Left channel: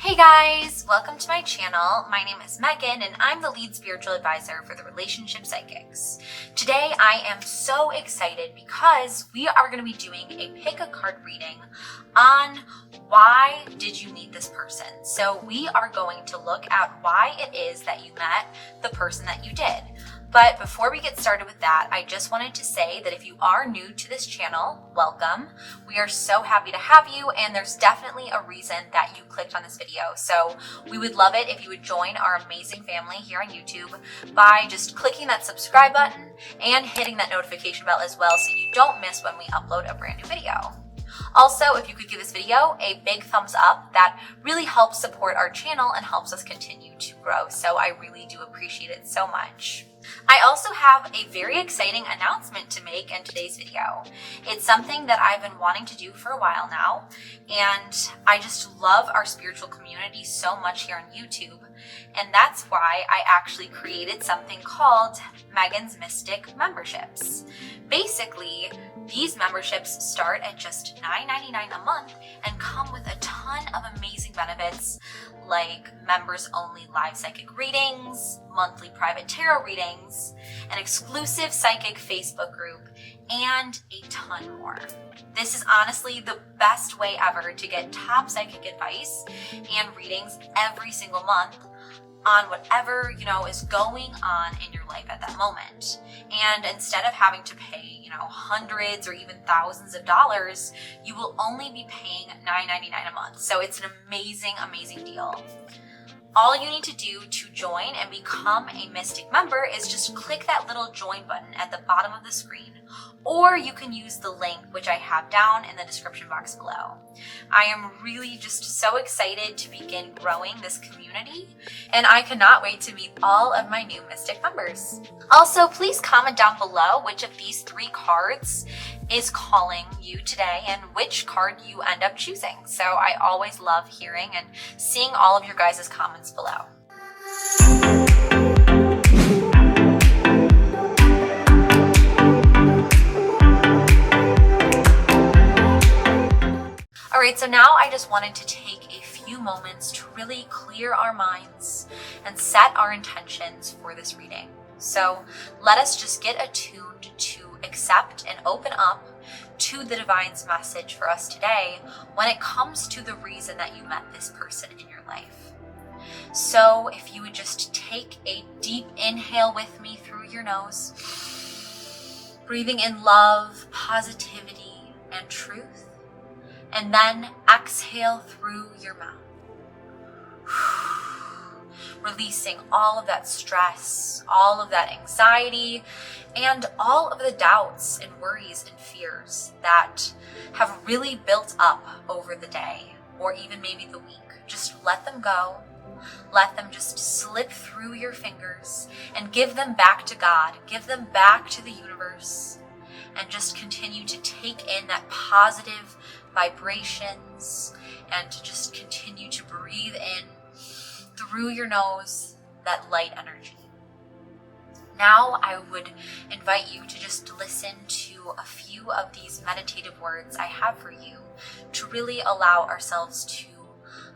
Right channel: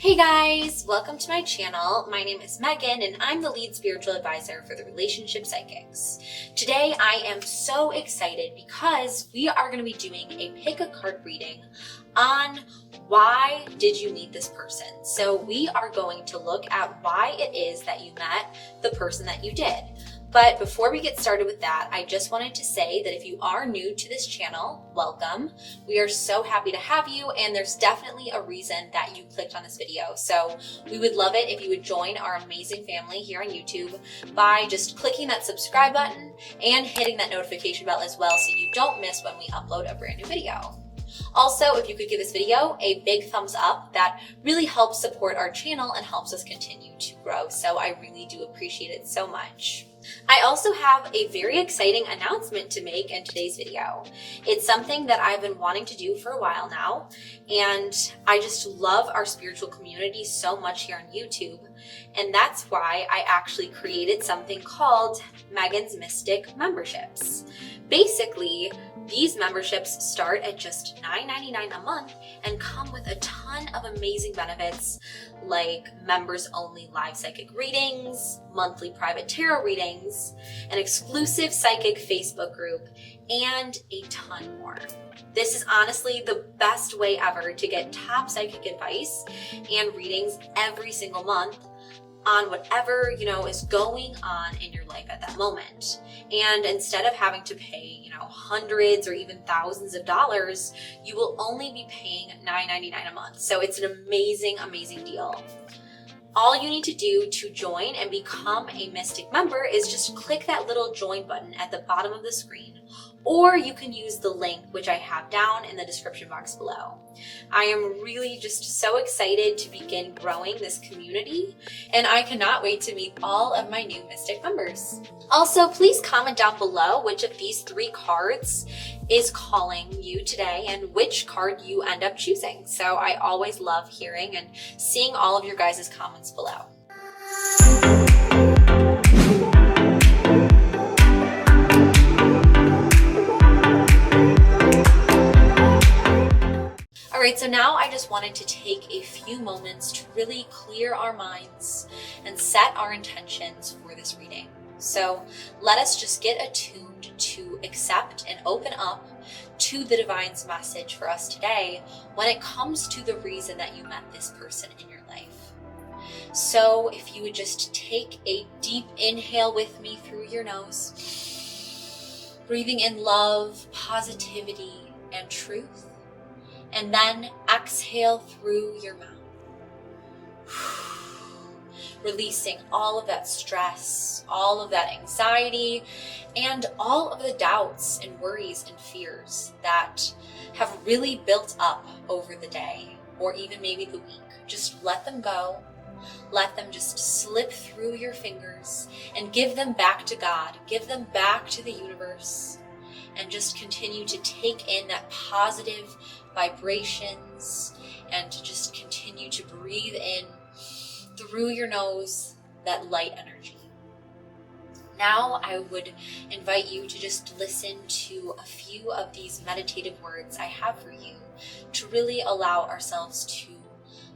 Hey guys, welcome to my channel. My name is Megan and I'm the lead spiritual advisor for the Relationship Psychics. Today I am so excited because we are going to be doing a pick a card reading on why did you meet this person. So we are going to look at why it is that you met the person that you did. But before we get started with that, I just wanted to say that if you are new to this channel, welcome. We are so happy to have you, and there's definitely a reason that you clicked on this video. So we would love it if you would join our amazing family here on YouTube by just clicking that subscribe button and hitting that notification bell as well so you don't miss when we upload a brand new video. Also, if you could give this video a big thumbs up, that really helps support our channel and helps us continue to grow. So I really do appreciate it so much. I also have a very exciting announcement to make in today's video. It's something that I've been wanting to do for a while now, and I just love our spiritual community so much here on YouTube. And that's why I actually created something called Megan's Mystic Memberships. Basically, these memberships start at just $9.99 a month and come with a ton of amazing benefits like members only live psychic readings, monthly private tarot readings, an exclusive psychic Facebook group, and a ton more. This is honestly the best way ever to get top psychic advice and readings every single month on whatever, is going on in your life at that moment. And instead of having to pay, hundreds or even thousands of dollars, you will only be paying $9.99 a month. So it's an amazing, amazing deal. All you need to do to join and become a Mystic member is just click that little join button at the bottom of the screen, or you can use the link which I have down in the description box below. I am really just so excited to begin growing this community, and I cannot wait to meet all of my new Mystic members. Also, please comment down below which of these 3 cards is calling you today and which card you end up choosing. So I always love hearing and seeing all of your guys' comments below. All right, so now I just wanted to take a few moments to really clear our minds and set our intentions for this reading. So let us just get attuned to accept and open up to the divine's message for us today when it comes to the reason that you met this person in your life. So if you would just take a deep inhale with me through your nose, breathing in love, positivity, and truth. And then exhale through your mouth, releasing all of that stress, all of that anxiety, and all of the doubts and worries and fears that have really built up over the day or even maybe the week. Just let them go. Let them just slip through your fingers and give them back to God. Give them back to the universe, and just continue to take in that positive vibrations and to just continue to breathe in through your nose that light energy. Now I would invite you to just listen to a few of these meditative words I have for you to really allow ourselves to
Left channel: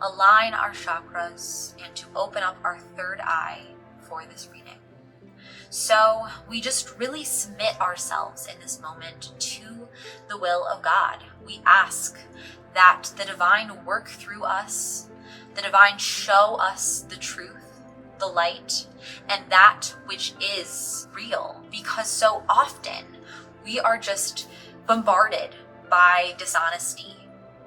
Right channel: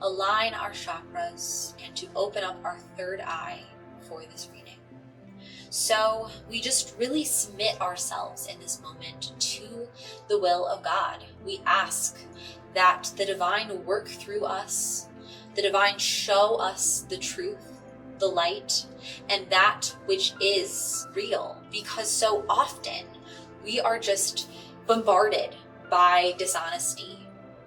align our chakras and to open up our third eye for this reading. So we just really submit ourselves in this moment to the will of God. We ask that the divine work through us, the divine show us the truth, the light, and that which is real. Because so often we are just bombarded by dishonesty.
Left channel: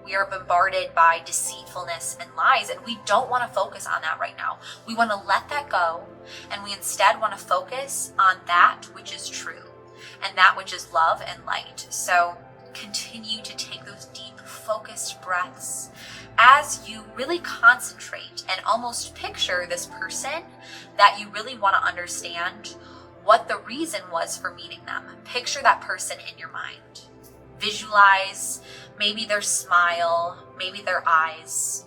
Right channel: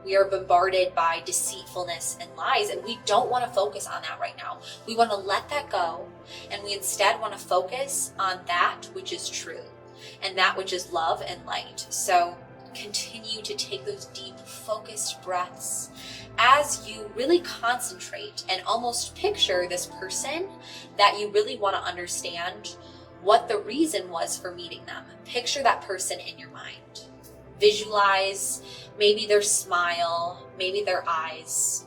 We are bombarded by deceitfulness and lies, and we don't want to focus on that right now. We want to let that go, and we instead want to focus on that which is true and that which is love and light. So continue to take those deep, focused breaths as you really concentrate and almost picture this person that you really want to understand what the reason was for meeting them. Picture that person in your mind. Visualize maybe their smile, maybe their eyes,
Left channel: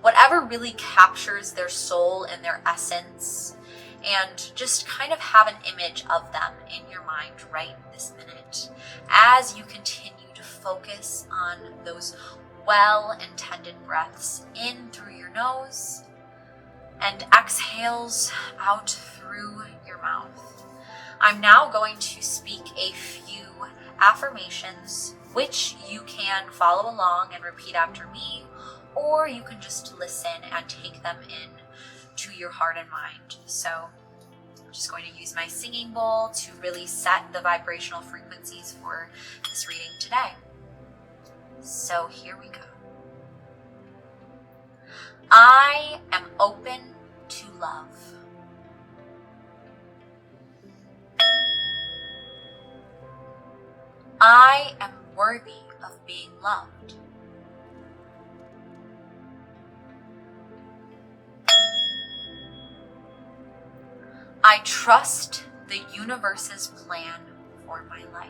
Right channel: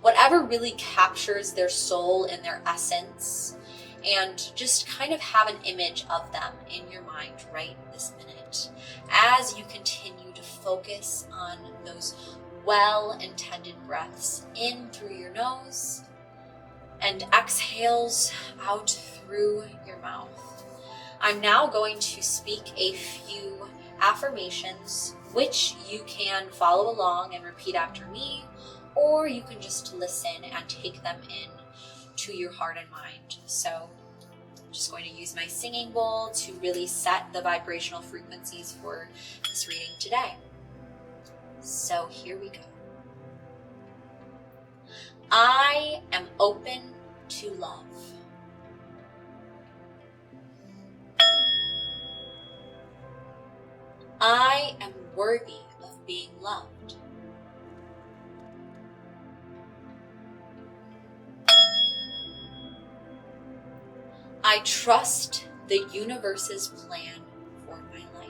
whatever really captures their soul and their essence, and just kind of have an image of them in your mind right this minute as you continue to focus on those well-intended breaths in through your nose and exhales out through your mouth. I'm now going to speak a few affirmations, which you can follow along and repeat after me, or you can just listen and take them in to your heart and mind. So I'm just going to use my singing bowl to really set the vibrational frequencies for this reading today. So here we go. I am open to love. I am worthy of being loved. I trust the universe's plan for my life.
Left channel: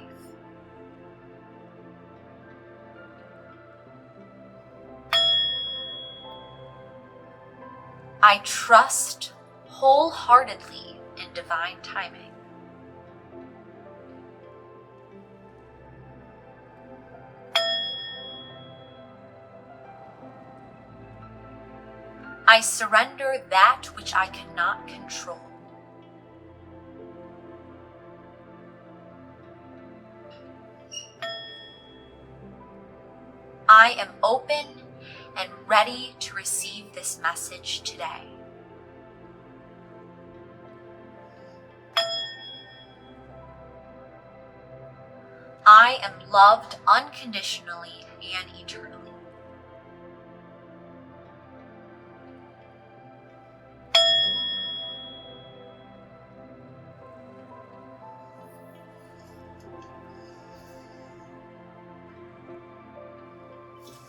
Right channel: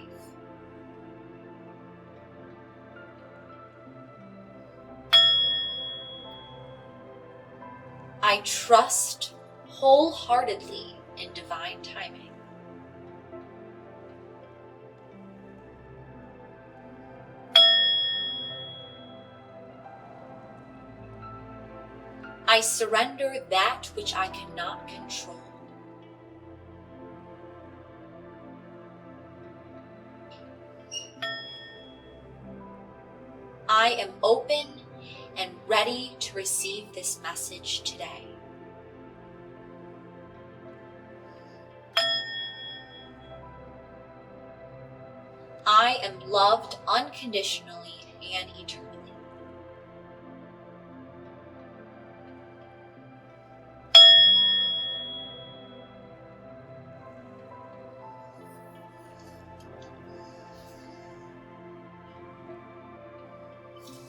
I trust wholeheartedly in divine timing. I surrender that which I cannot control. I am open and ready to receive this message today. I am loved unconditionally and eternally.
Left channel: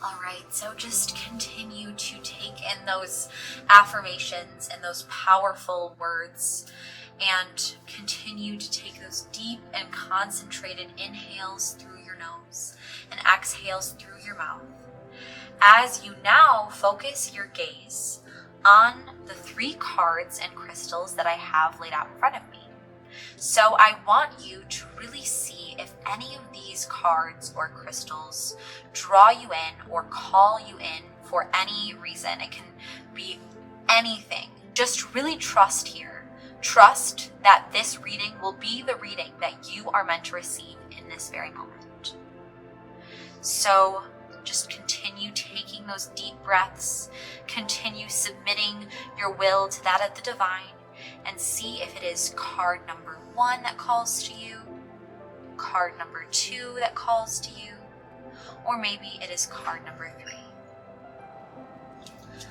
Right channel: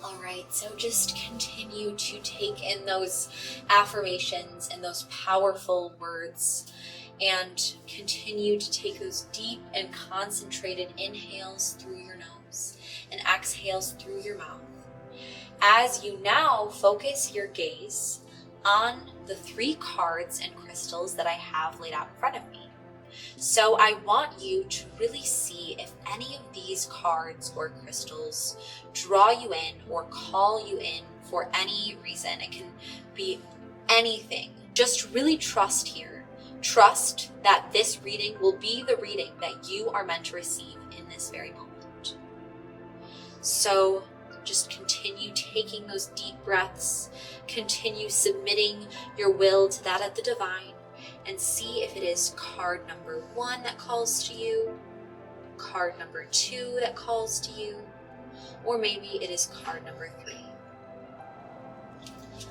Alright, so just continue to take in those affirmations and those powerful words, and continue to take those deep and concentrated inhales through your nose and exhales through your mouth. As you now focus your gaze on the 3 cards and crystals that I have laid out in front of me. So I want you to really see if any of these cards or crystals draw you in or call you in for any reason. It can be anything. Just really trust here. Trust that this reading will be the reading that you are meant to receive in this very moment. So just continue taking those deep breaths. Continue submitting your will to that of the divine. And see if it is card number 1 that calls to you, card number 2 that calls to you, or maybe it is card number 3.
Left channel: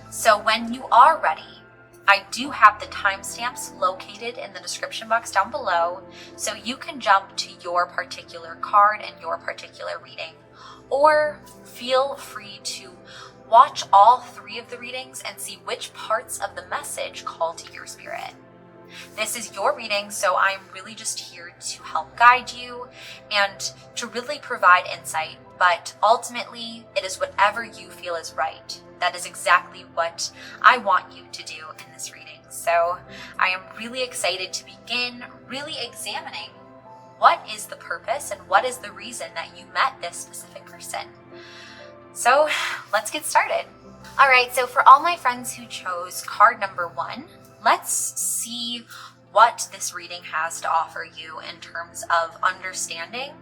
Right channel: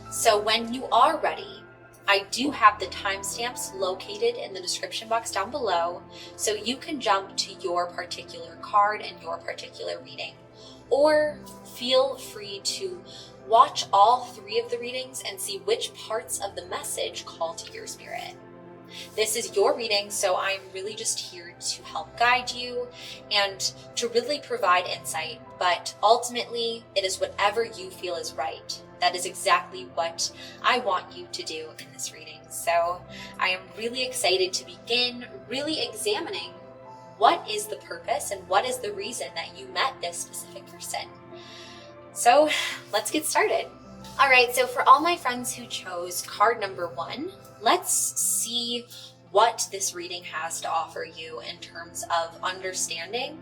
So when you are ready, I do have the timestamps located in the description box down below, so you can jump to your particular card and your particular reading, or feel free to watch all 3 of the readings and see which parts of the message call to your spirit. This is your reading, so I'm really just here to help guide you and to really provide insight, but ultimately it is whatever you feel is right. That is exactly what I want you to do in this reading. So I am really excited to begin really examining what is the purpose and what is the reason that you met this specific person. So let's get started. All right, so for all my friends who chose card number 1, let's see what this reading has to offer you in terms of understanding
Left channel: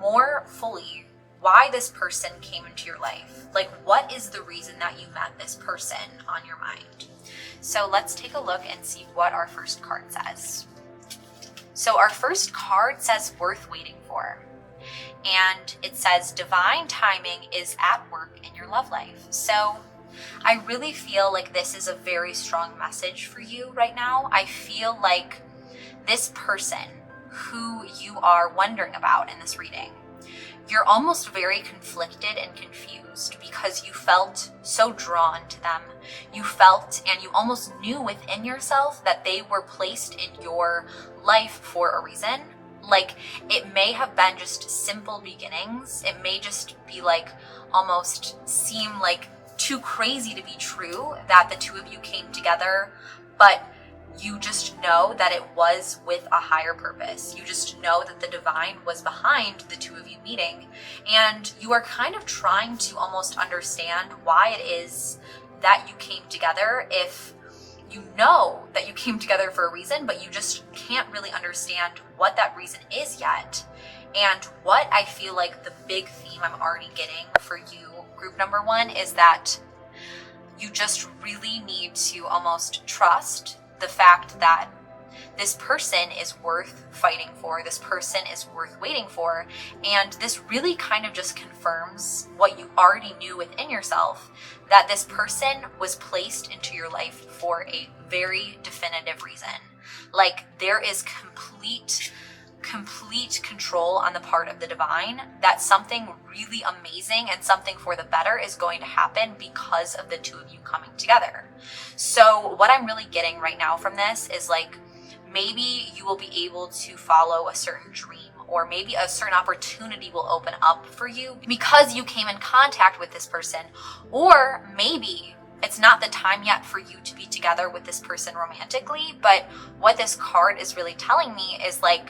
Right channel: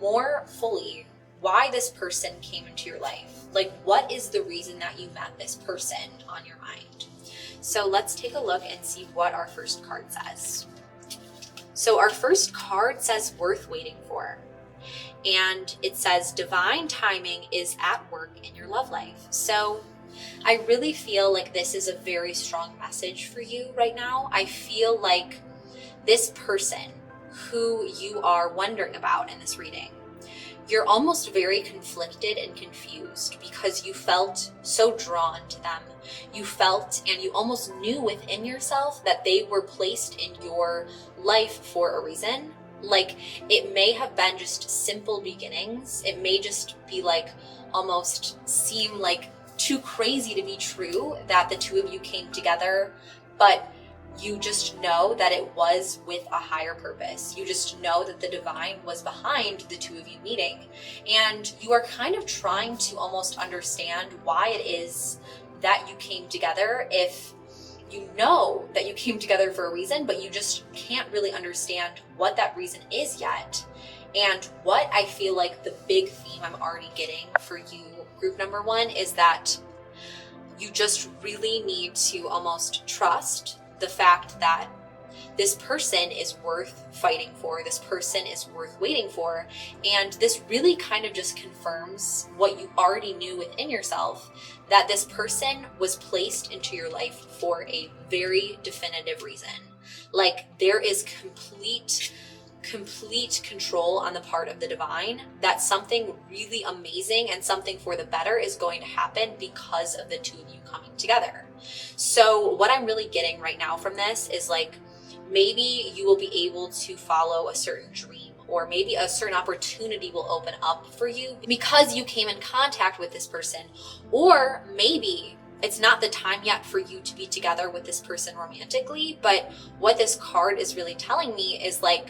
more fully why this person came into your life. Like, what is the reason that you met this person on your mind? So let's take a look and see what our first card says. So our first card says worth waiting for. And it says divine timing is at work in your love life. So I really feel like this is a very strong message for you right now. I feel like this person who you are wondering about in this reading, you're almost very conflicted and confused because you felt so drawn to them. You felt and you almost knew within yourself that they were placed in your life for a reason. Like, it may have been just simple beginnings. It may just be like almost seem like too crazy to be true that the 2 of you came together, but You just know that it was with a higher purpose. You just know that the divine was behind the two of you meeting. And you are kind of trying to almost understand why it is that you came together, if you know that you came together for a reason, but you just can't really understand what that reason is yet. And what I feel like the big theme I'm already getting for you, group number one, is that you just really need to almost trust the fact that this person is worth fighting for, this person is worth waiting for, and this really kind of just confirms what you already knew within yourself, that this person was placed into your life for a very definitive reason. Like, there is complete control on the part of the divine that something really amazing and something for the better is going to happen because of the two of you coming together. So what I'm really getting right now from this is, like, maybe you will be able to follow a certain dream, or maybe a certain opportunity will open up for you because you came in contact with this person. Or maybe it's not the time yet for you to be together with this person romantically, but what this card is really telling me is, like,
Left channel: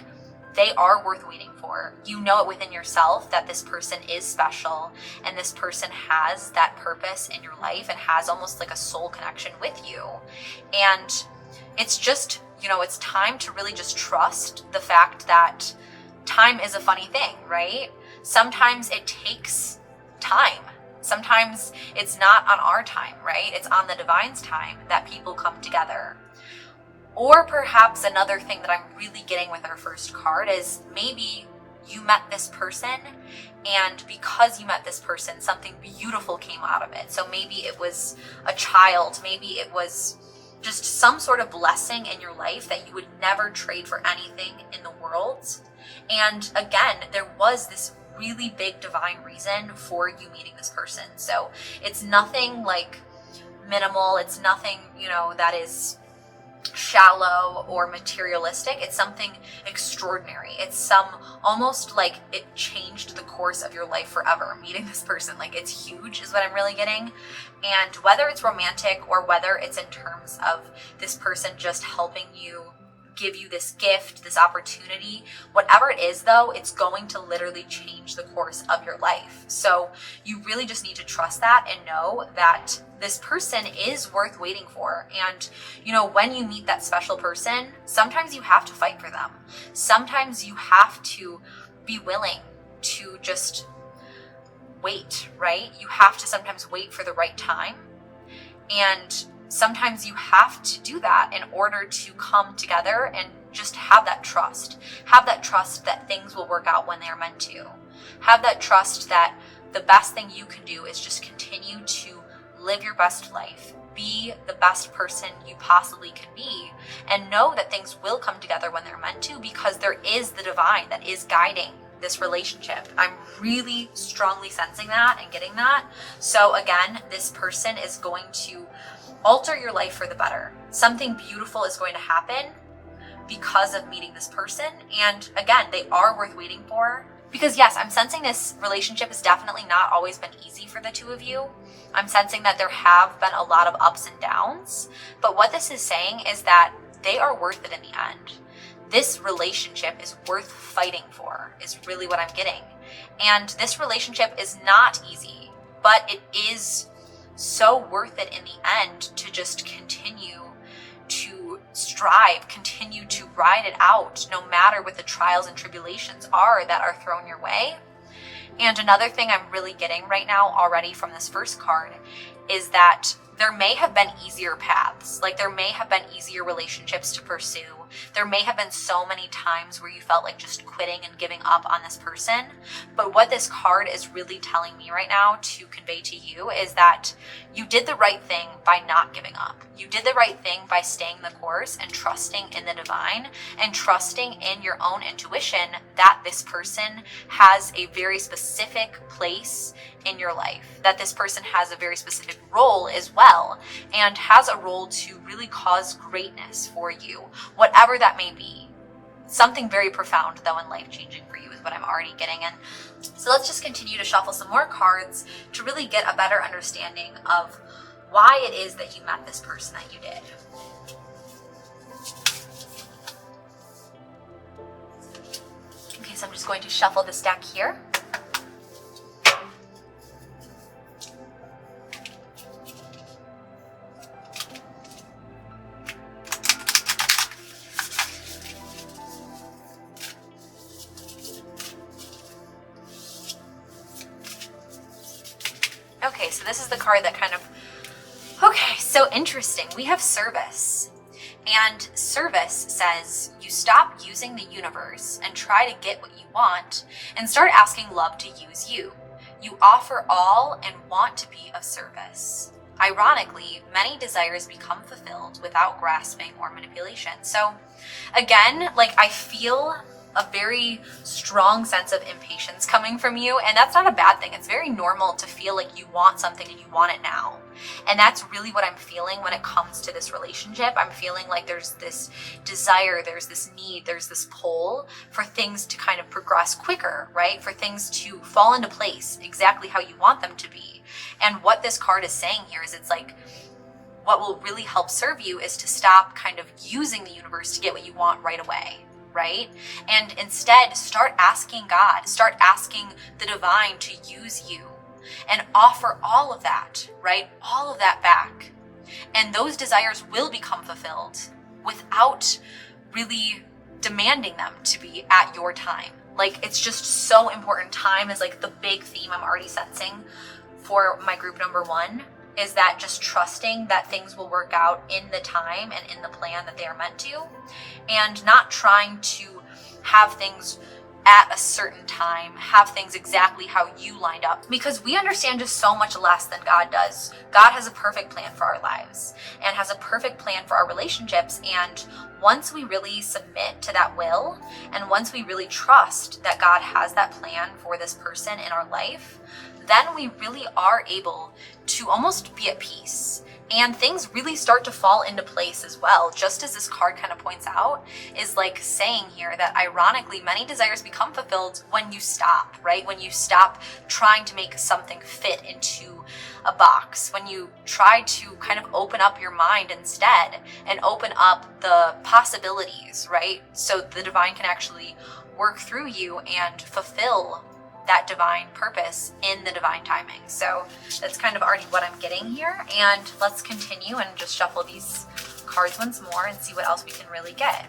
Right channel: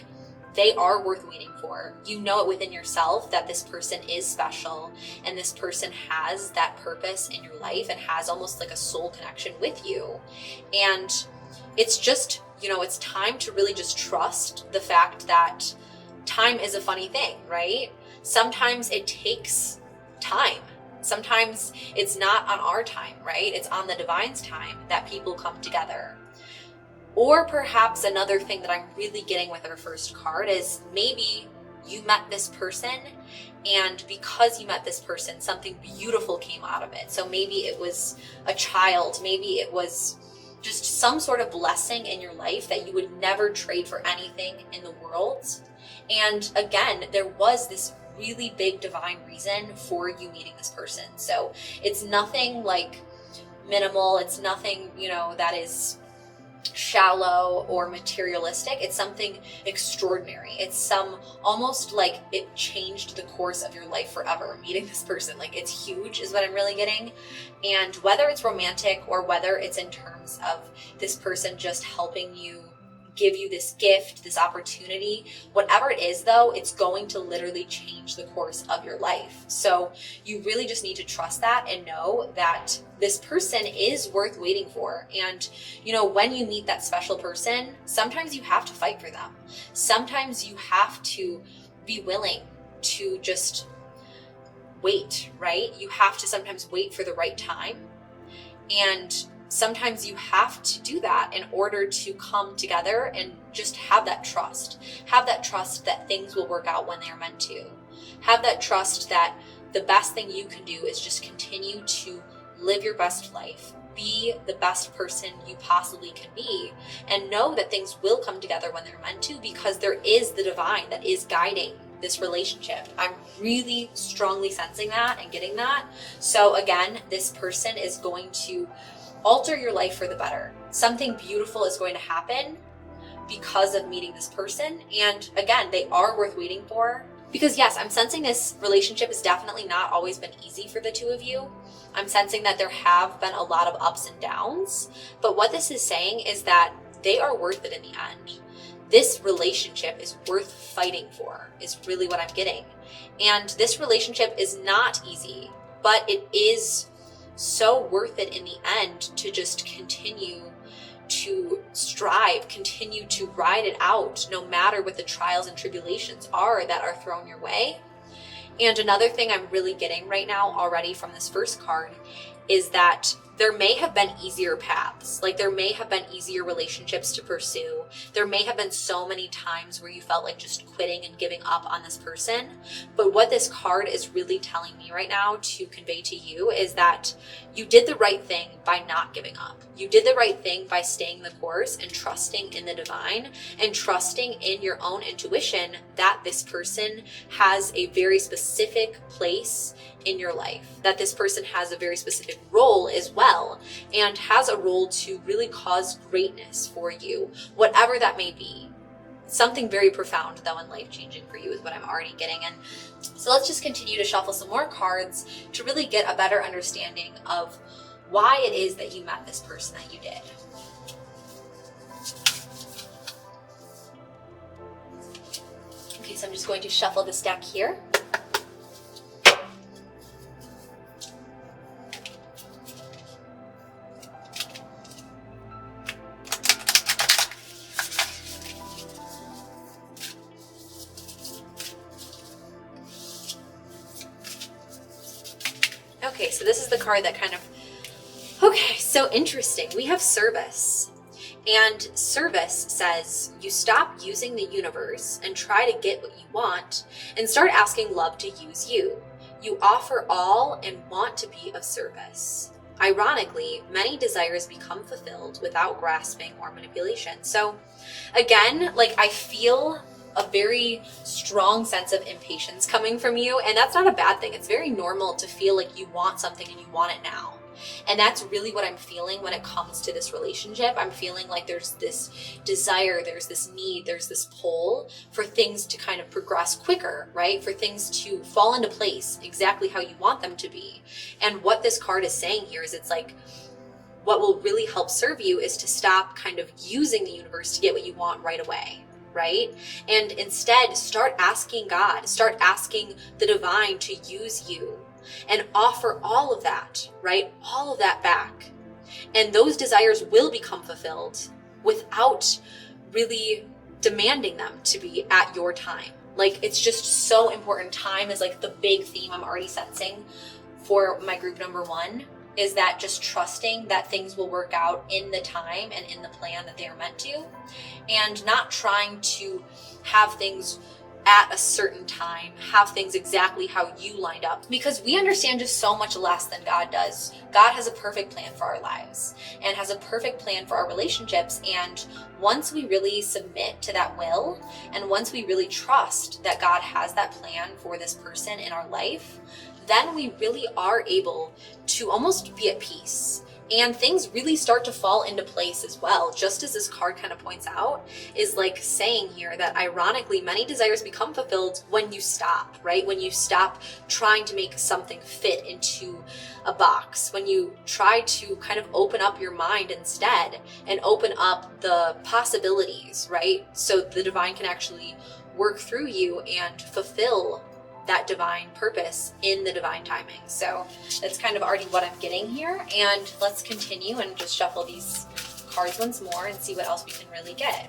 they are worth waiting for. You know it within yourself that this person is special, and this person has that purpose in your life and has almost like a soul connection with you. And it's just, it's time to really just trust the fact that time is a funny thing, right? Sometimes it takes time. Sometimes it's not on our time, right? It's on the divine's time that people come together. Or perhaps another thing that I'm really getting with our first card is, maybe you met this person, and because you met this person, something beautiful came out of it. So maybe it was a child, maybe it was just some sort of blessing in your life that you would never trade for anything in the world. And again, there was this really big divine reason for you meeting this person. So it's nothing like minimal, it's nothing, that is shallow or materialistic. It's something extraordinary. It's almost like it changed the course of your life forever, meeting this person. Like, it's huge is what I'm really getting. And whether it's romantic or whether it's in terms of this person just helping you, give you this gift, this opportunity, whatever it is though, it's going to literally change the course of your life. So you really just need to trust that and know that this person is worth waiting for. And when you meet that special person, sometimes you have to fight for them. Sometimes you have to be willing to just wait, right? You have to sometimes wait for the right time. And sometimes you have to do that in order to come together and just have that trust. Have that trust that things will work out when they're meant to. Have that trust that the best thing you can do is just continue to live your best life. Be the best person you possibly can be, and know that things will come together when they're meant to, because there is the divine that is guiding this relationship. I'm really strongly sensing that and getting that. So again, this person is going to alter your life for the better. Something beautiful is going to happen because of meeting this person. And again, they are worth waiting for, because yes, I'm sensing this relationship has definitely not always been easy for the two of you. I'm sensing that there have been a lot of ups and downs, but what this is saying is that they are worth it in the end. This relationship is worth fighting for, is really what I'm getting. And this relationship is not easy, but it is so worth it in the end to just continue to strive, continue to ride it out, no matter what the trials and tribulations are that are thrown your way. And another thing I'm really getting right now already from this first card is that there may have been easier paths. Like, there may have been easier relationships to pursue. There may have been so many times where you felt like just quitting and giving up on this person. But what this card is really telling me right now to convey to you is that you did the right thing by not giving up. You did the right thing by staying the course and trusting in the divine and trusting in your own intuition that this person has a very specific place in your life, that this person has a very specific role as well, and has a role to really cause greatness for you, whatever that may be. Something very profound though and life-changing for you is what I'm already getting. And so let's just continue to shuffle some more cards to really get a better understanding of why it is that you met this person that you did. Okay, so I'm just going to shuffle this deck here. Okay, so this is the card that kind of, okay, so interesting. We have service. And service says you stop using the universe and try to get what you want and start asking love to use you. You offer all and want to be of service. Ironically, many desires become fulfilled without grasping or manipulation. So again, like I feel a very strong sense of impatience coming from you, and that's not a bad thing. It's very normal to feel like you want something and you want it now. And that's really what I'm feeling when it comes to this relationship. I'm feeling like there's this desire, there's this need, there's this pull for things to kind of progress quicker, right? For things to fall into place exactly how you want them to be. And what this card is saying here is it's like, what will really help serve you is to stop kind of using the universe to get what you want right away. Right? And instead start asking God, start asking the divine to use you and offer all of that, right? All of that back. And those desires will become fulfilled without really demanding them to be at your time. Like it's just so important. Time is like the big theme I'm already sensing for my group number 1. Is that just trusting that things will work out in the time and in the plan that they are meant to, and not trying to have things at a certain time, have things exactly how you lined up, because we understand just so much less than God does. God has a perfect plan for our lives and has a perfect plan for our relationships. And once we really submit to that will, and once we really trust that God has that plan for this person in our life, then we really are able to almost be at peace. And things really start to fall into place as well. Just as this card kind of points out, is like saying here that ironically, many desires become fulfilled when you stop, right? When you stop trying to make something fit into a box, when you try to kind of open up your mind instead and open up the possibilities, right? So the divine can actually work through you and fulfill that divine purpose in the divine timing. So that's kind of already what I'm getting here. And let's continue and just shuffle these cards once more and see what else we can really get.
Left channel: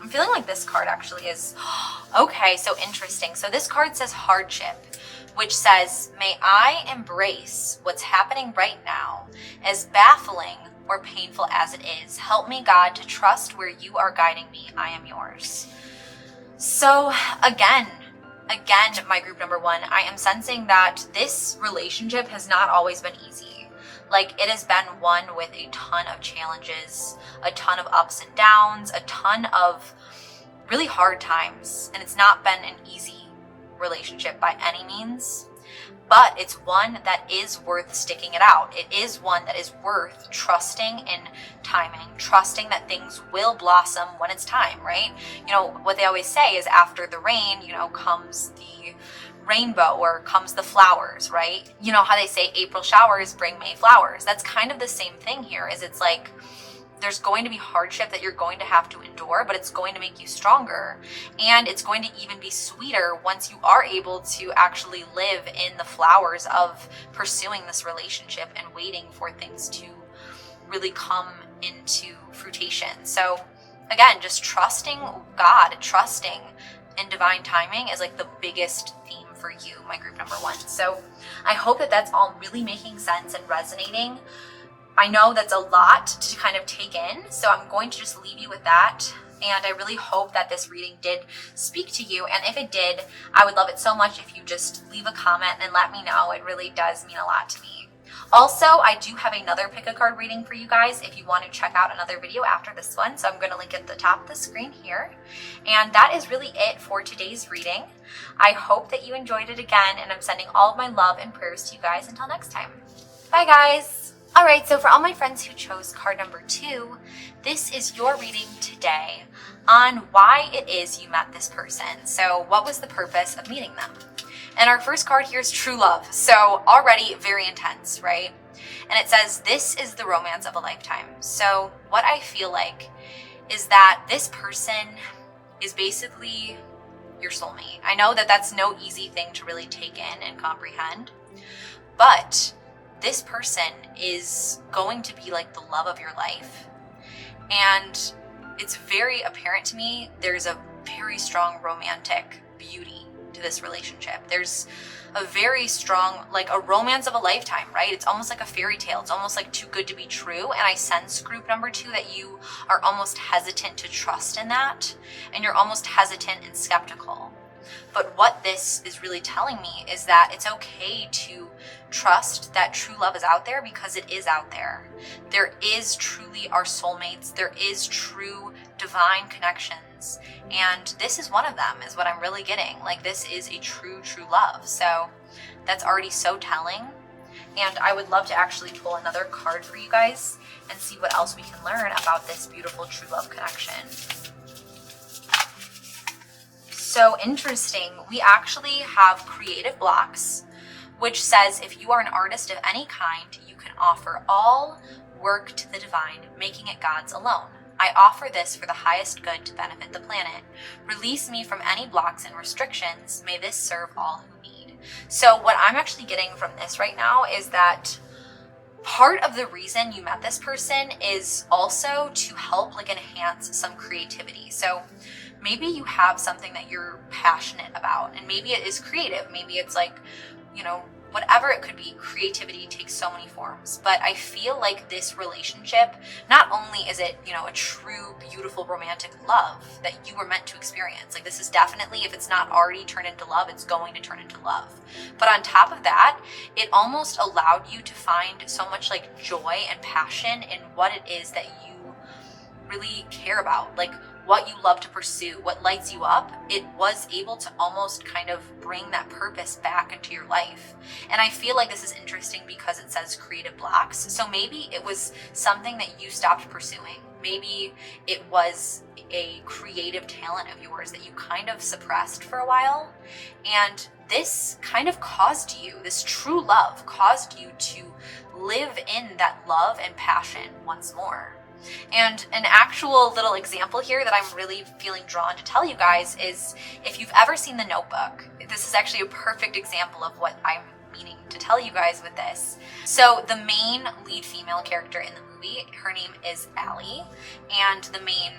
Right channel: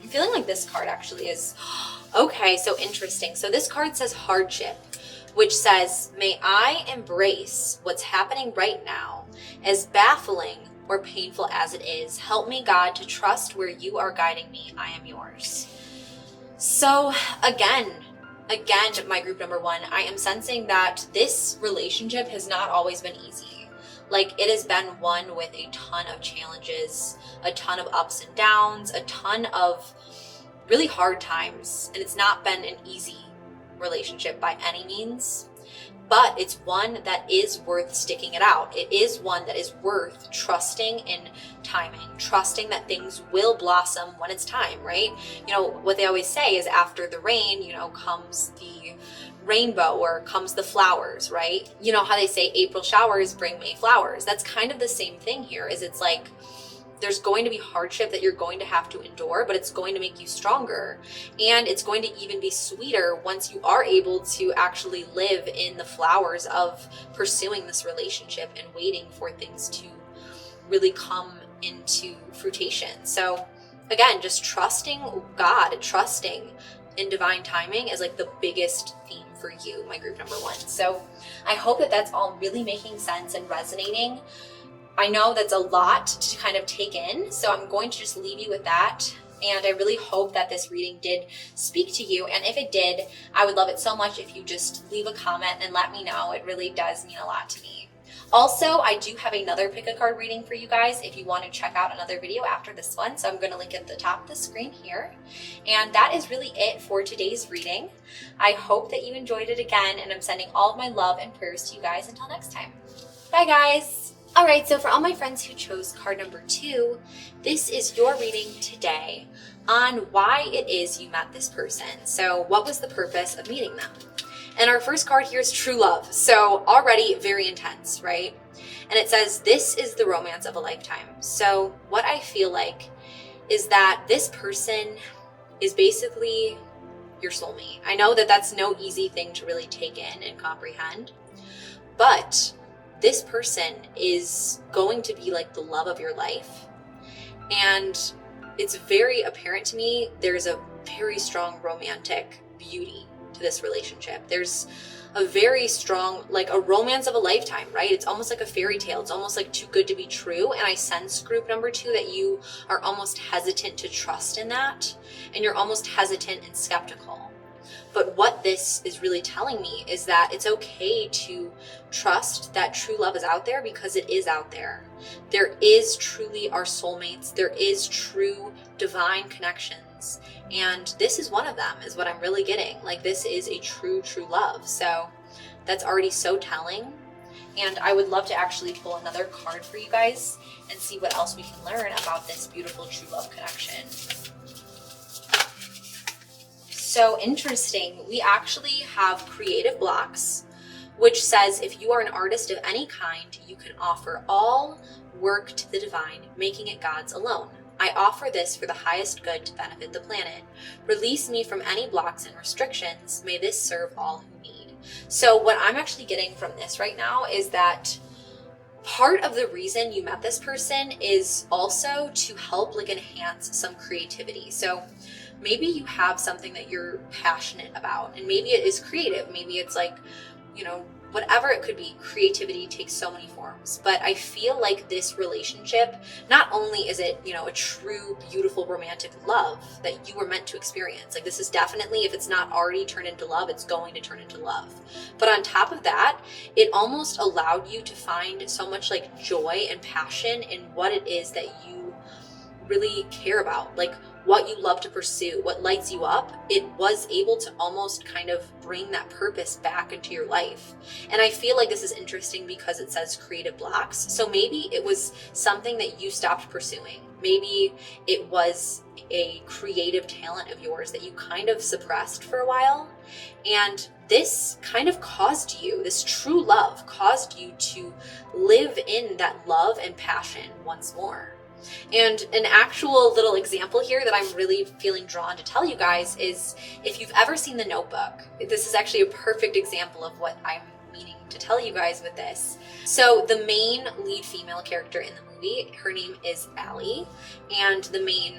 I'm feeling like this card actually is okay, so interesting. So this card says hardship, which says, may I embrace what's happening right now, as baffling or painful as it is. Help me, God, to trust where you are guiding me. I am yours. So again, my group number 1, I am sensing that this relationship has not always been easy. Like it has been one with a ton of challenges, a ton of ups and downs, a ton of really hard times, and it's not been an easy relationship by any means, but it's one that is worth sticking it out. It is one that is worth trusting in timing, trusting that things will blossom when it's time, right? You know, what they always say is after the rain, you know, comes the rainbow or comes the flowers, right? You know how they say April showers bring May flowers. That's kind of the same thing here, is it's like, there's going to be hardship that you're going to have to endure, but it's going to make you stronger. And it's going to even be sweeter once you are able to actually live in the flowers of pursuing this relationship and waiting for things to really come into fruition. So again, just trusting God, trusting in divine timing is like the biggest theme for you, my group number 1. So I hope that that's all really making sense and resonating. I know that's a lot to kind of take in, so I'm going to just leave you with that. And I really hope that this reading did speak to you. And if it did, I would love it so much if you just leave a comment and let me know. It really does mean a lot to me. Also, I do have another pick a card reading for you guys if you want to check out another video after this one. So I'm going to link it at the top of the screen here. And that is really it for today's reading. I hope that you enjoyed it again, and I'm sending all of my love and prayers to you guys until next time. Bye guys. All right, so for all my friends who chose card number 2, this is your reading today. on why it is you met this person. So what was the purpose of meeting them? And our first card here is true love. So already very intense, right? And it says, this is the romance of a lifetime. So what I feel like is that this person is basically your soulmate. I know that that's no easy thing to really take in and comprehend, but this person is going to be like the love of your life. And it's very apparent to me there's a very strong romantic beauty to this relationship. There's a very strong, like a romance of a lifetime, right? It's almost like a fairy tale. It's almost like too good to be true. And I sense, group number 2, that you are almost hesitant to trust in that. And you're almost hesitant and skeptical. But what this is really telling me is that it's okay to trust that true love is out there, because it is out there. There is truly our soulmates. There is true divine connections. And this is one of them, is what I'm really getting. Like, this is a true love. So that's already so telling. And I would love to actually pull another card for you guys and see what else we can learn about this beautiful true love connection. So interesting, we actually have creative blocks, which says if you are an artist of any kind, you can offer all work to the divine, making it God's alone. I offer this for the highest good to benefit the planet. Release me from any blocks and restrictions. May this serve all who need. So what I'm actually getting from this right now is that part of the reason you met this person is also to help like enhance some creativity. So maybe you have something that you're passionate about, and maybe it is creative. Maybe it's like, you know, whatever it could be. Creativity takes so many forms. But I feel like this relationship, not only is it, you know, a true, beautiful, romantic love that you were meant to experience. Like, this is definitely, if it's not already turned into love, it's going to turn into love. But on top of that, it almost allowed you to find so much like joy and passion in what it is that you really care about. Like, what you love to pursue, what lights you up. It was able to almost kind of bring that purpose back into your life. And I feel like this is interesting because it says creative blocks. So maybe it was something that you stopped pursuing. Maybe it was a creative talent of yours that you kind of suppressed for a while. And this kind of caused you, this true love caused you to live in that love and passion once more. And an actual little example here that I'm really feeling drawn to tell you guys is, if you've ever seen The Notebook, this is actually a perfect example of what I'm meaning to tell you guys with this. So the main lead female character in the movie, her name is Allie, and the main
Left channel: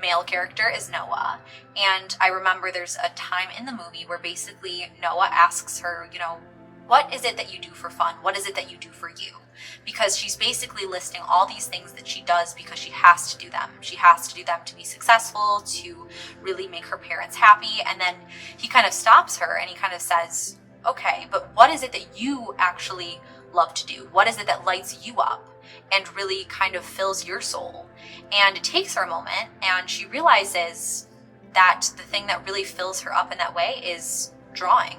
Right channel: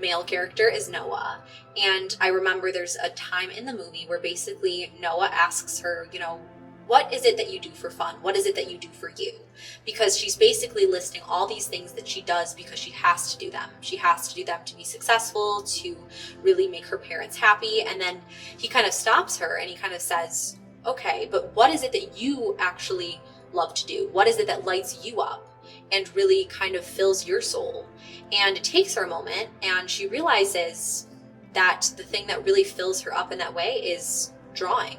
male character is Noah. And I remember there's a time in the movie where basically Noah asks her, you know, what is it that you do for fun? What is it that you do for you? Because she's basically listing all these things that she does because she has to do them. She has to do them to be successful, to really make her parents happy. And then he kind of stops her and he kind of says, okay, but what is it that you actually love to do? What is it that lights you up and really kind of fills your soul? And it takes her a moment, and she realizes that the thing that really fills her up in that way is drawing.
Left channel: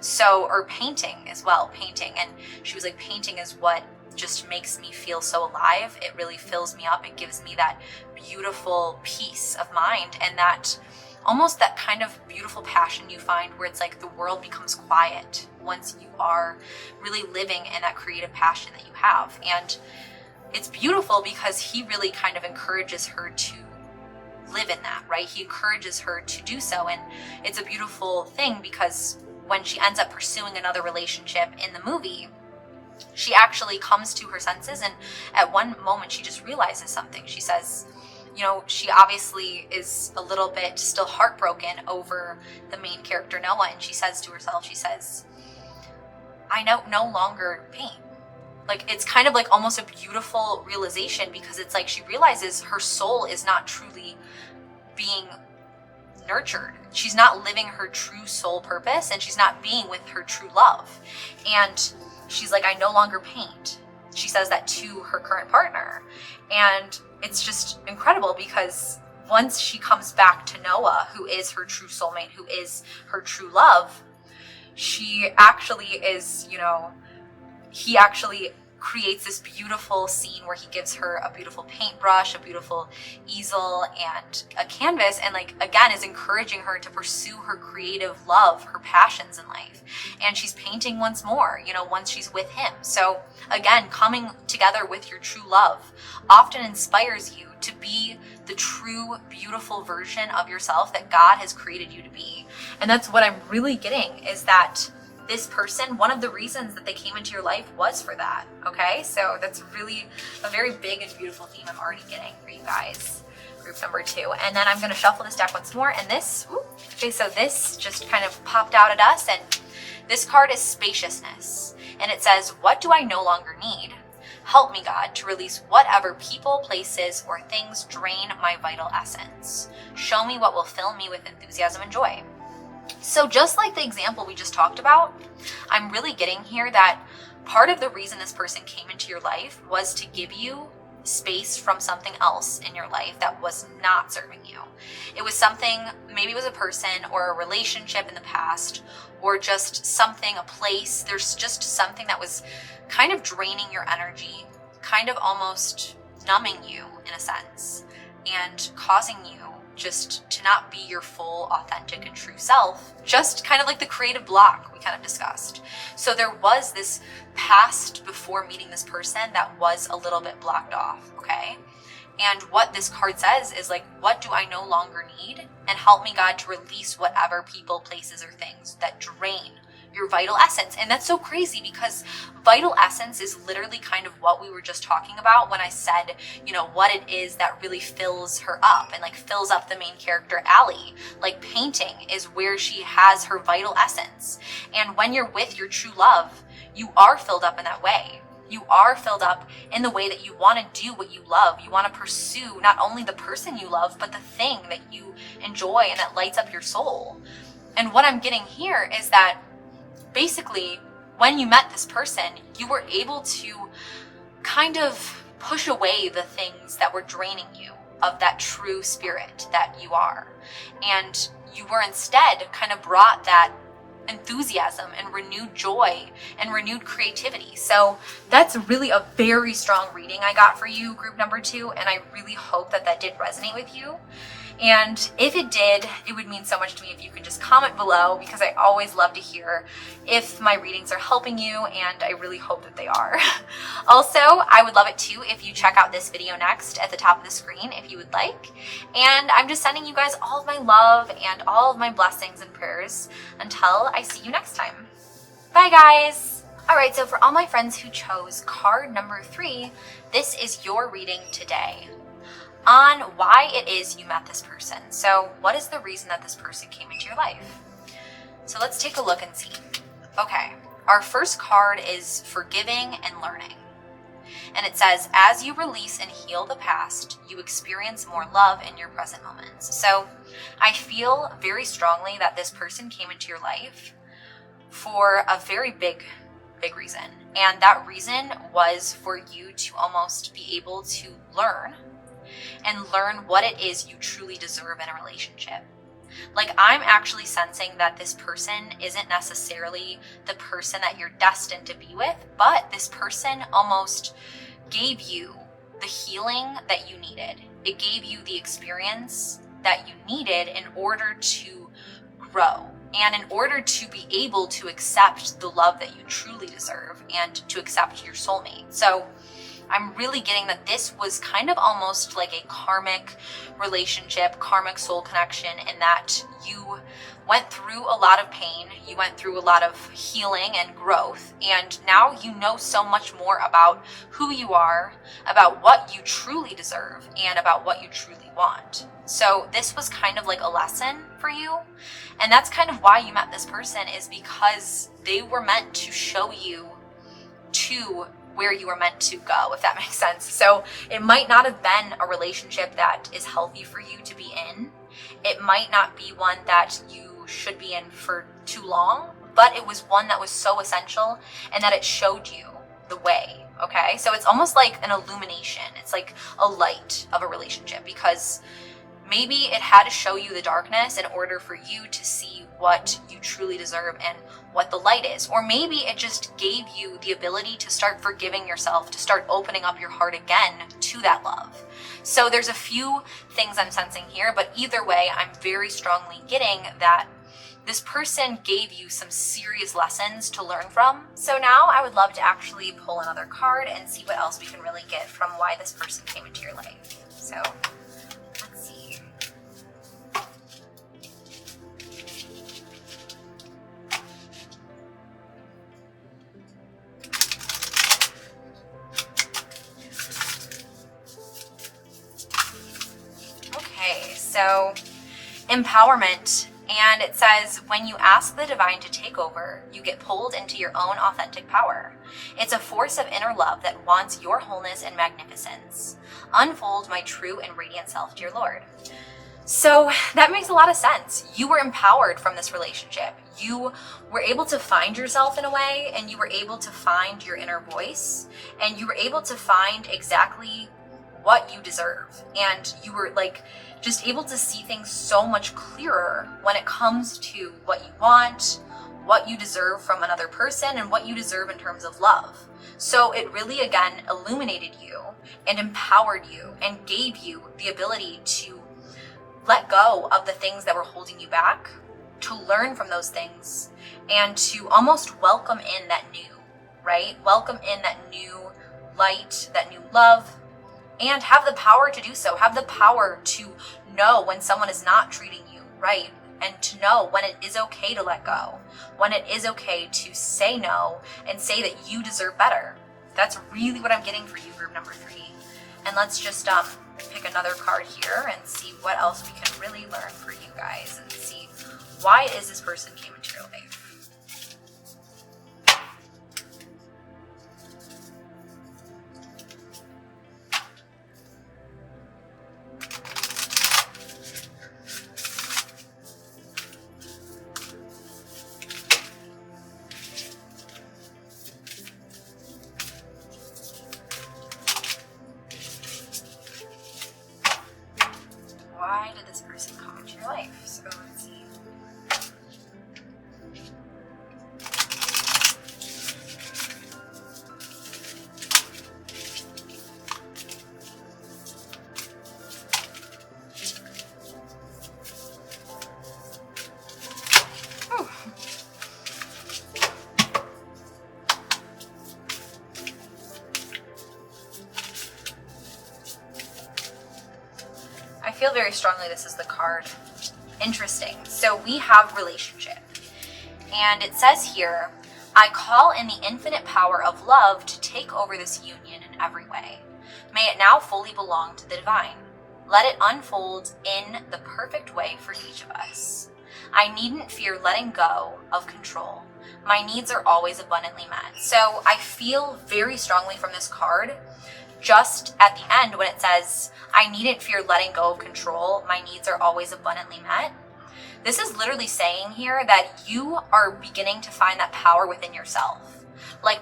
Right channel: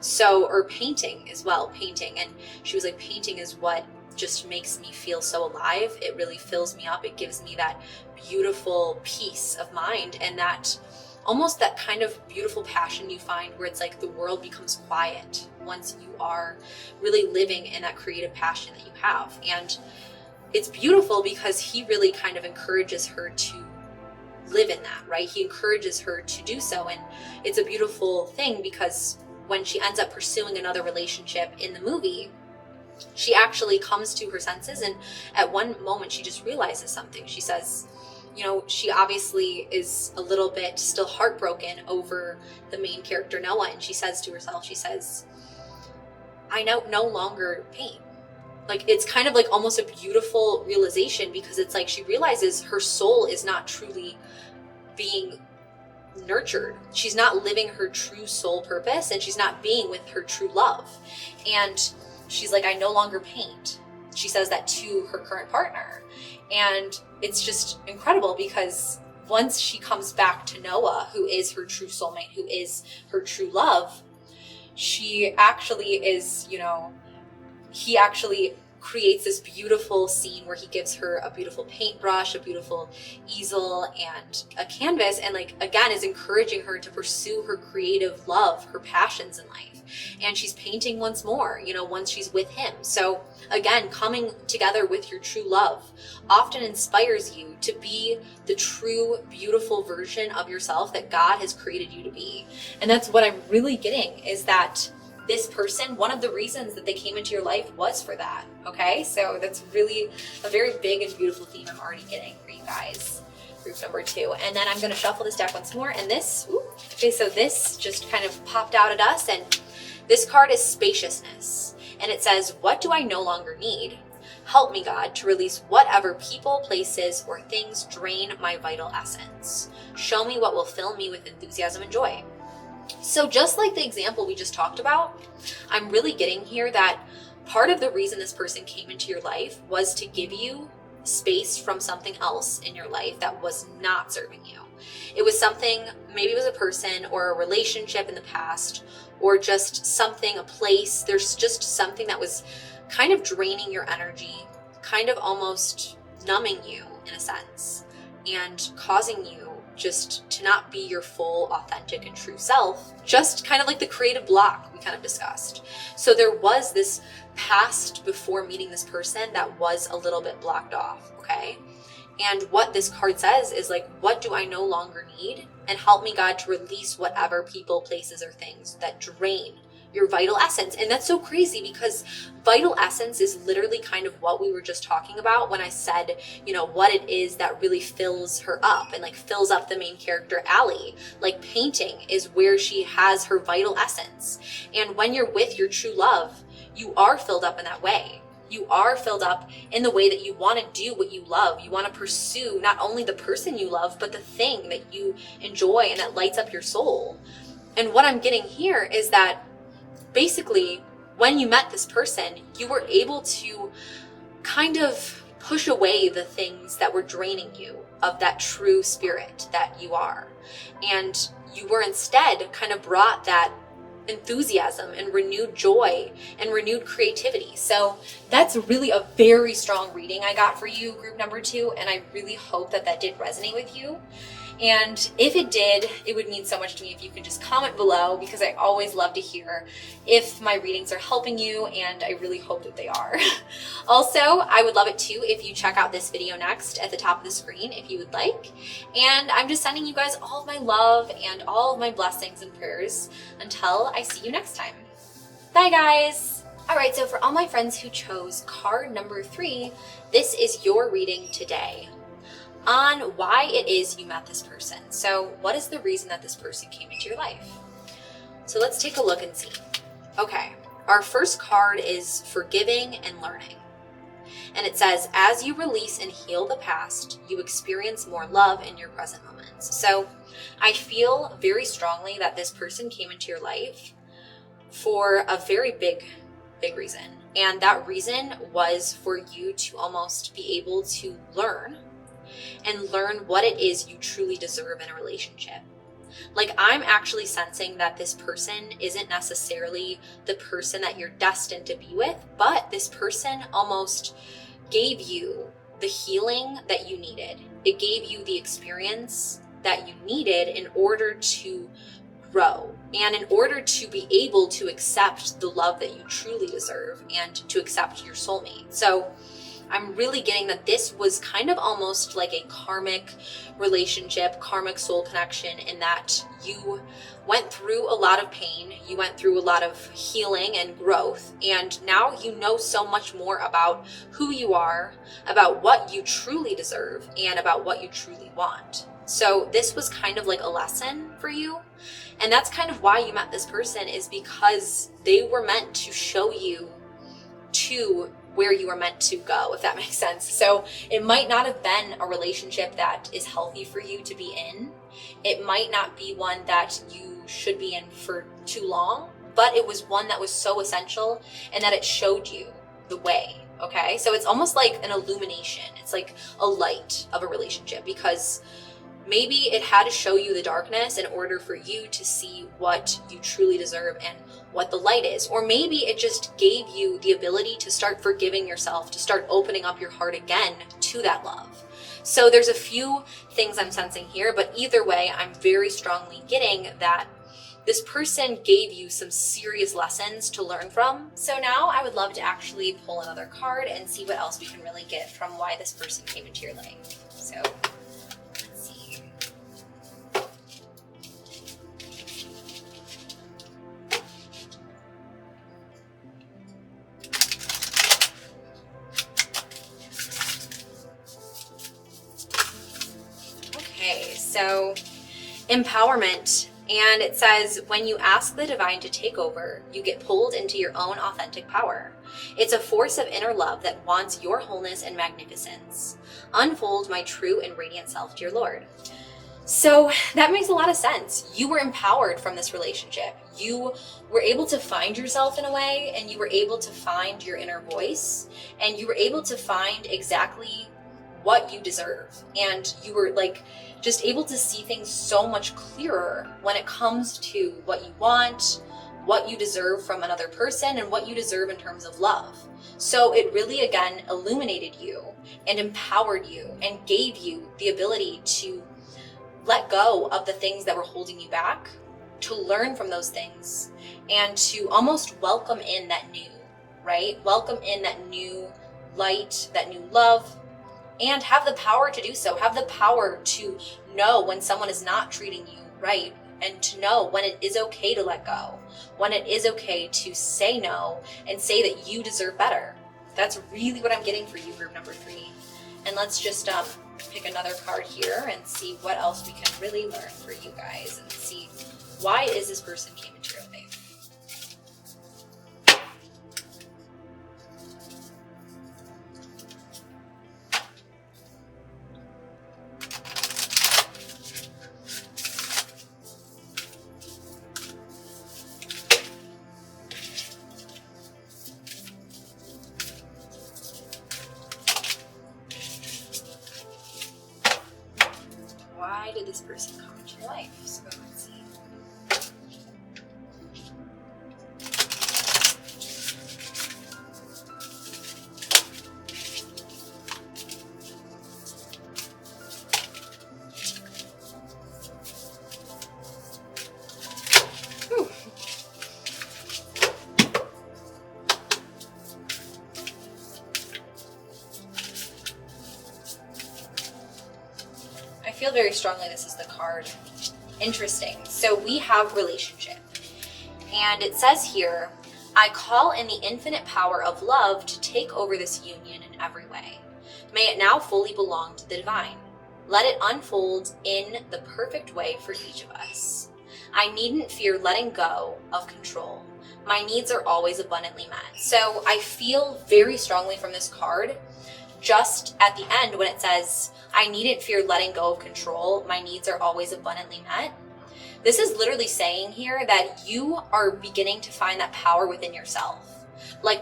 So, or painting as well, painting. And she was like, painting is what just makes me feel so alive. It really fills me up. It gives me that beautiful peace of mind, and that almost that kind of beautiful passion you find where it's like the world becomes quiet once you are really living in that creative passion that you have. And it's beautiful because he really kind of encourages her to live in that, right? He encourages her to do so. And it's a beautiful thing because when she ends up pursuing another relationship in the movie, she actually comes to her senses, and at one moment she just realizes something. She says, you know, she obviously is a little bit still heartbroken over the main character Noah, and she says to herself, she says, I no longer paint. Like, it's kind of like almost a beautiful realization, because it's like she realizes her soul is not truly being nurtured. She's not living her true soul purpose, and she's not being with her true love. And she's like, I no longer paint. She says that to her current partner. And it's just incredible because once she comes back to Noah, who is her true soulmate, who is her true love, she actually is, you know, he actually creates this beautiful scene where he gives her a beautiful paintbrush, a beautiful easel, and a canvas, and like, again, is encouraging her to pursue her creative love, her passions in life. And she's painting once more, you know, once she's with him. So again, coming together with your true love often inspires you to be the true, beautiful version of yourself that God has created you to be. And that's what I'm really getting, is that this person, one of the reasons that they came into your life was for that. Okay, so that's really a very big and beautiful theme I'm already getting for you guys. Group number 2. And then I'm going to shuffle this deck once more. And this, okay, so this just kind of popped out at us. And this card is spaciousness. And it says, what do I no longer need? Help me, God, to release whatever people, places, or things drain my vital essence. Show me what will fill me with enthusiasm and joy. So just like the example we just talked about, I'm really getting here that part of the reason this person came into your life was to give you space from something else in your life that was not serving you. It was something, maybe it was a person or a relationship in the past, or just something, a place. There's just something that was kind of draining your energy, kind of almost numbing you in a sense, and causing you just to not be your full, authentic, and true self, just kind of like the creative block we kind of discussed. So there was this past before meeting this person that was a little bit blocked off, okay? And what this card says is like, what do I no longer need? And help me, God, to release whatever people, places, or things that drain your vital essence. And that's so crazy, because vital essence is literally kind of what we were just talking about when I said, you know, what it is that really fills her up and like fills up the main character, Allie. Like painting is where she has her vital essence. And when you're with your true love, you are filled up in that way. You are filled up in the way that you want to do what you love. You want to pursue not only the person you love, but the thing that you enjoy and that lights up your soul. And what I'm getting here is that basically, when you met this person, you were able to kind of push away the things that were draining you of that true spirit that you are. And you were instead kind of brought that enthusiasm and renewed joy and renewed creativity. So that's really a very strong reading I got for you, group number 2. And I really hope that that did resonate with you. And if it did, it would mean so much to me if you could just comment below, because I always love to hear if my readings are helping you, and I really hope that they are. Also, I would love it too if you check out this video next at the top of the screen if you would like. And I'm just sending you guys all of my love and all of my blessings and prayers until I see you next time. Bye, guys. All right, so for all my friends who chose card number 3, this is your reading today on why it is you met this person. So what is the reason that this person came into your life? So let's take a look and see. Okay, our first card is forgiving and learning. And it says, as you release and heal the past, you experience more love in your present moments. So I feel very strongly that this person came into your life for a very big reason. And that reason was for you to almost be able to learn what it is you truly deserve in a relationship. Like, I'm actually sensing that this person isn't necessarily the person that you're destined to be with, but this person almost gave you the healing that you needed. It gave you the experience that you needed in order to grow and in order to be able to accept the love that you truly deserve and to accept your soulmate. So I'm really getting that this was kind of almost like a karmic relationship, karmic soul connection, in that you went through a lot of pain, you went through a lot of healing and growth, and now you know so much more about who you are, about what you truly deserve, and about what you truly want. So this was kind of like a lesson for you, and that's kind of why you met this person, is because they were meant to show you to where you were meant to go, if that makes sense. So it might not have been a relationship that is healthy for you to be in. It might not be one that you should be in for too long, but it was one that was so essential and that it showed you the way, okay? So it's almost like an illumination. It's like a light of a relationship, because Maybe it had to show you the darkness in order for you to see what you truly deserve and what the light is. Or maybe it just gave you the ability to start forgiving yourself, to start opening up your heart again to that love. So there's a few things I'm sensing here, but either way, I'm very strongly getting that this person gave you some serious lessons to learn from. So now I would love to actually pull another card and see what else we can really get from why this person came into your life. So let's see. Okay, so empowerment. And it says, when you ask the divine to take over, you get pulled into your own authentic power. It's a force of inner love that wants your wholeness and magnificence. Unfold my true and radiant self, dear Lord. So that makes a lot of sense. You were empowered from this relationship. You were able to find yourself in a way, and you were able to find your inner voice, and you were able to find exactly what you deserve. And you were just able to see things so much clearer when it comes to what you want, what you deserve from another person, and what you deserve in terms of love. So it really, again, illuminated you and empowered you and gave you the ability to let go of the things that were holding you back, to learn from those things, and to almost welcome in that new, right? Welcome in that new light, that new love, and have the power to do so. Have the power to know when someone is not treating you right, and to know when it is okay to let go, when it is okay to say no and say that you deserve better. That's really what I'm getting for you, group number 3. And let's just pick another card here and see what else we can really learn for you guys, and see why is this person came into your life. Why did this person come into your life? So let's see. Whew. I feel very strongly this is the card. Interesting. So we have relationship. And it says here, I call in the infinite power of love to take over this union in every way. May it now fully belong to the divine. Let it unfold in the perfect way for each of us. I needn't fear letting go of control. My needs are always abundantly met. So I feel very strongly from this card, just at the end when it says, I needn't fear letting go of control. My needs are always abundantly met. This is literally saying here that you are beginning to find that power within yourself.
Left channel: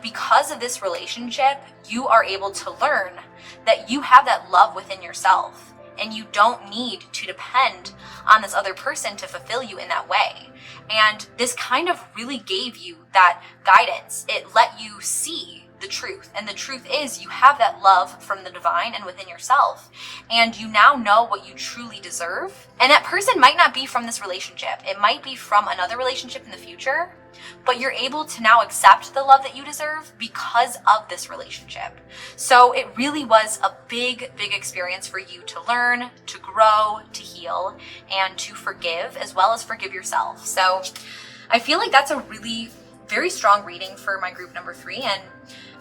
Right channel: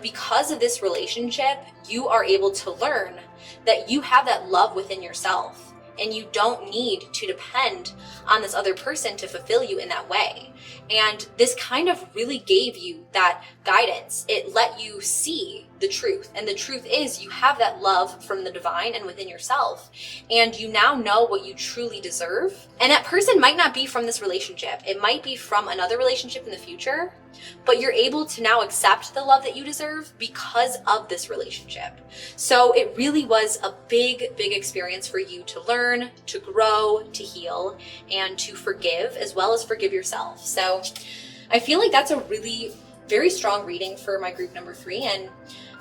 Because of this relationship, you are able to learn that you have that love within yourself, and you don't need to depend on this other person to fulfill you in that way. And this kind of really gave you that guidance. It let you see the truth. And the truth is you have that love from the divine and within yourself. And you now know what you truly deserve. And that person might not be from this relationship. It might be from another relationship in the future. But you're able to now accept the love that you deserve because of this relationship. So it really was a big, big experience for you to learn, to grow, to heal, and to forgive, as well as forgive yourself. So I feel like that's a really very strong reading for my group number 3. And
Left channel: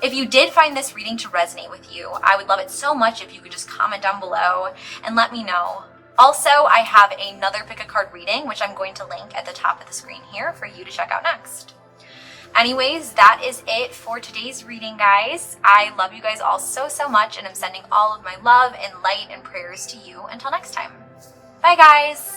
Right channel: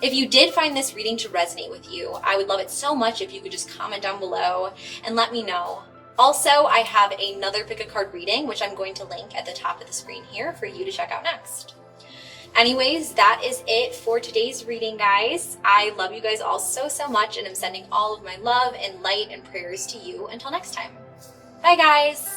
if you did find this reading to resonate with you, I would love it so much if you could just comment down below and let me know. Also, I have another pick a card reading, which I'm going to link at the top of the screen here for you to check out next. Anyways, that is it for today's reading, guys. I love you guys all so, so much, and I'm sending all of my love and light and prayers to you until next time. Bye, guys.